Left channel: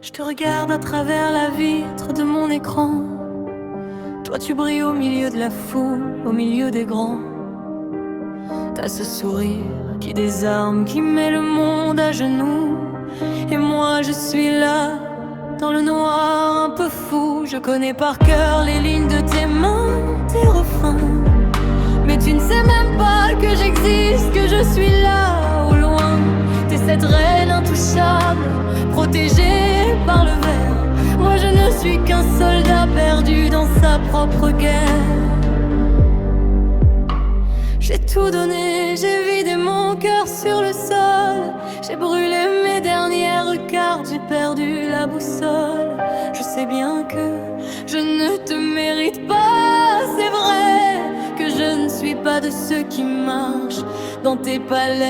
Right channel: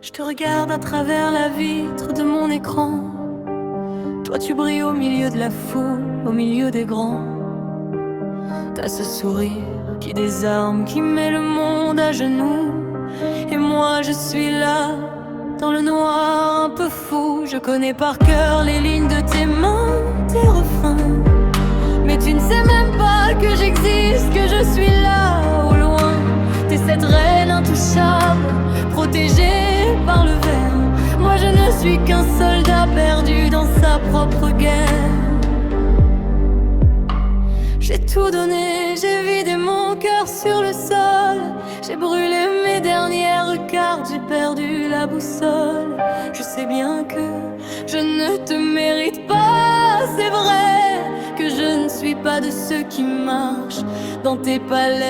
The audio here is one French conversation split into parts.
Je te regarde à travers la vitre de mon écran. Toi tu brilles au milieu de la foule, au milieu des grands. T'as ce sourire qui désarme, qui met le monde à genoux. Et moi je suis là, dans le noir un peu fou. Je connais par cœur les lignes de tes mains, tes refrains. Mais tu ne sais même pas que j'existe, que je suis là au loin. T'es cette reine intouchable, protégée par le verre. Moi je ne suis qu'un soldat perdu dans sa propre guerre. J'ai tout donné, j'ai vidé mon cœur sur le sol. J'ai brûlé mes dernières cartes, j'ai perdu la boussole. Je sais bien que je ne te mérite pas, c'est vrai que je ne suis pas de ceux qui marchent dans tes palais.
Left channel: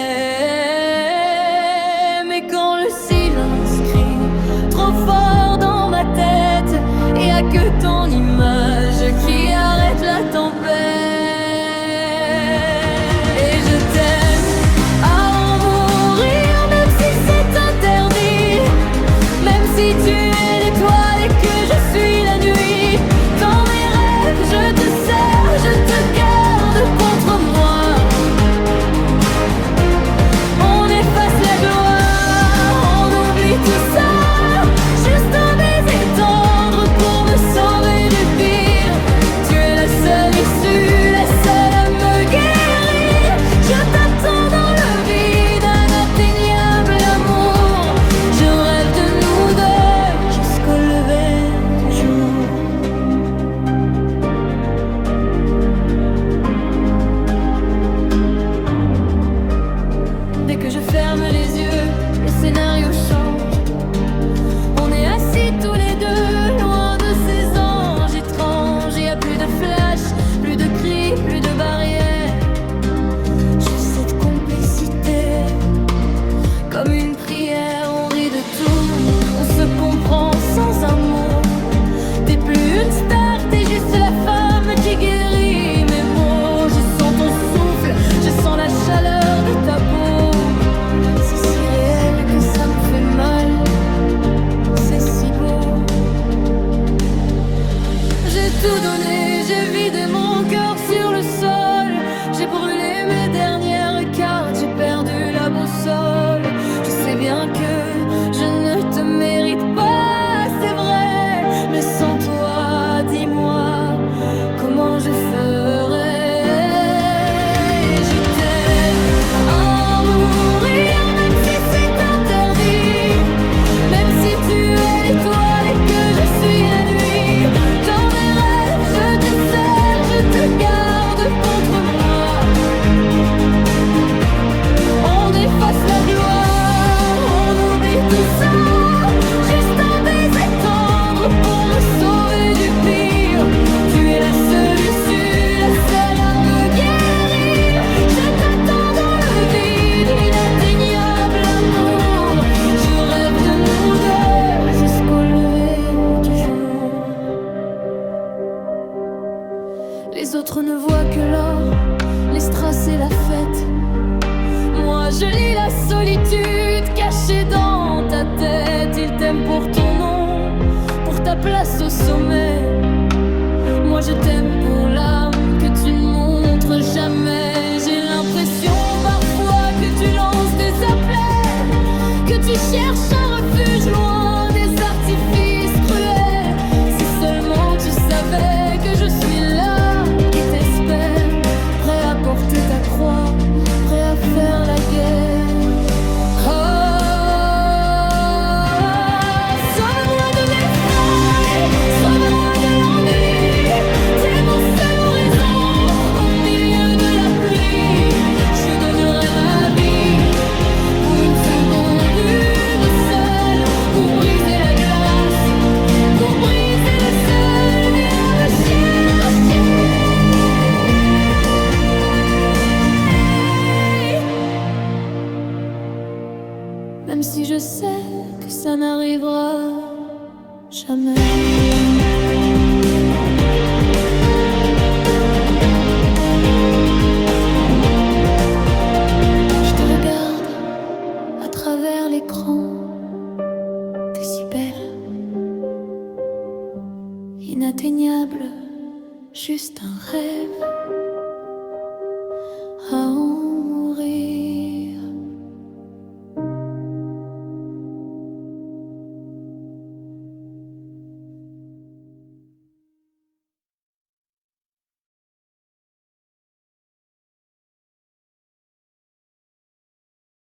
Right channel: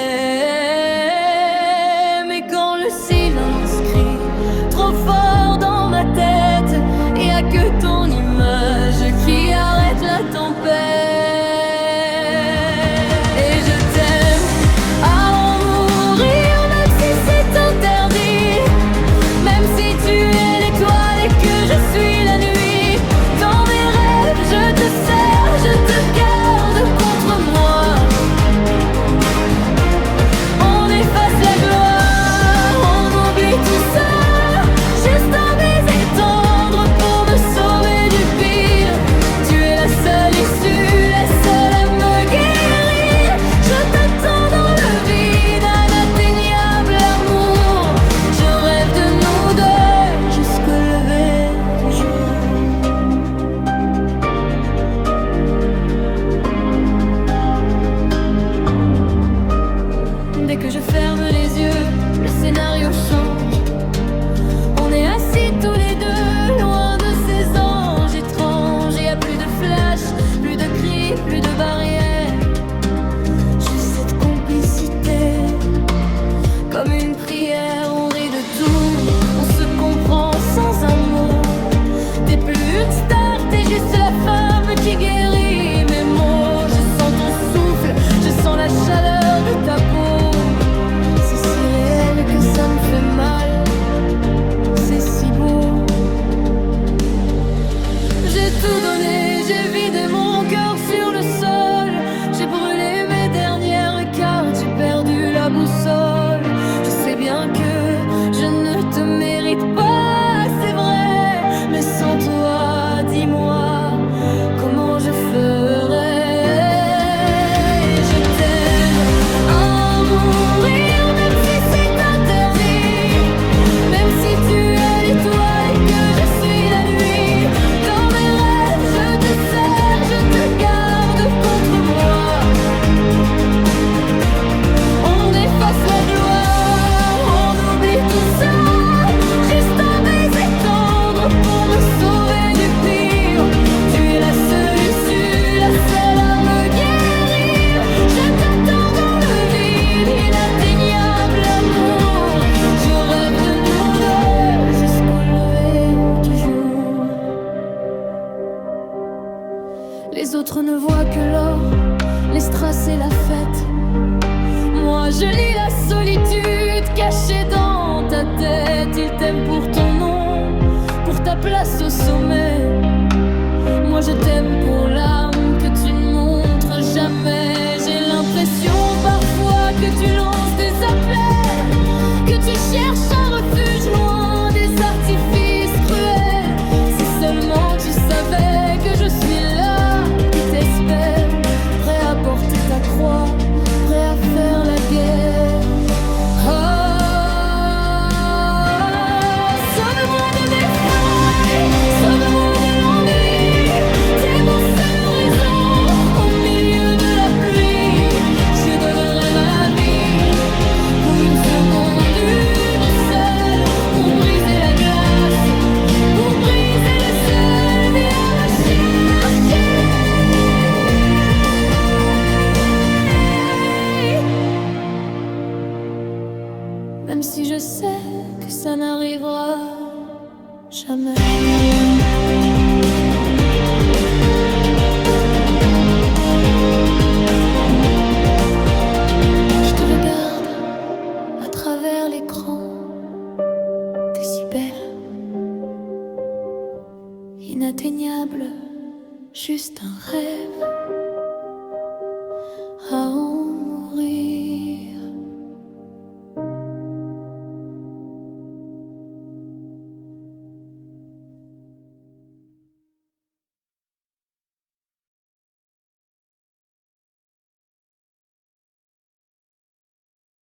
Mais quand le silence crie trop fort dans ma tête, y a que ton image qui arrête la tempête. Et je t'aime à en mourir, même si c'est interdit. Même si tu es l'étoile et que je suis la nuit. Dans mes rêves je te sers, je te garde contre moi. On efface la gloire, on oublie tout ça. Juste un baiser tendre pour me sauver du pire. Tu es la seule issue, la seule à me guérir. Je t'attends dans le vide, un atteignable amour. Je rêve de nous deux jusqu'au lever du jour. Dès que je ferme les yeux, le scénario change. On est assis tous les deux, loin de ces anges étranges. Y a plus de flash, plus de cris, plus de barrières. Juste cette complicité, comme une prière. On rit de tout, on se comprend sans un mot. T'es plus une star, t'es juste la femme qui guérit mes mots. Je sens ton souffle, je sens la chaleur de ta peau. C'est si réel que ça me fait mal, c'est si beau. J'ai tout donné, j'ai vidé mon cœur sur le sol. J'ai brûlé mes dernières cartes, j'ai perdu la boussole. Je sais bien que je ne te mérite pas, c'est vrai. Mais sans toi, dis-moi, comment je ferais? Et je t'aime à en mourir, même si c'est interdit. Même si tu es l'étoile et que je suis la nuit. Dans mes rêves, je te sers, je te garde contre moi. On efface la gloire, on oublie tout ça. Juste un baiser tendre pour me sauver du pire. Tu es la seule issue, la seule à me guérir. Je t'attends dans le vide, inatteignable amour. Je rêve de nous deux jusqu'au lever du jour. Les autres ne voient que l'or, les strass et la fête. Moi je lis la solitude cachée dans ta tête. Ils t'aiment pour ton nom, pour ta place au sommet. Moi je t'aime pour l'âme que tu ne montres jamais. J'ai l'impression parfois que tu lances des appels, que tu cherches un refuge loin des artifices cruels. Si seulement tu savais que je suis là, qui t'espère, prêt à porter ta croix, prêt à faire la guerre. Oh, sauve-moi de mes failles, sauve-moi de l'ennui. T'es mon seul horizon au milieu de la pluie. Je donnerai ma vie pour une seconde, une seule, pour briser la glace, pour briser le seul. Viens me chercher. Même si je sais que ça n'arrivera jamais. Je te regarde à travers l'écran, t'es si belle, inatteignable, juste un rêve. Oh,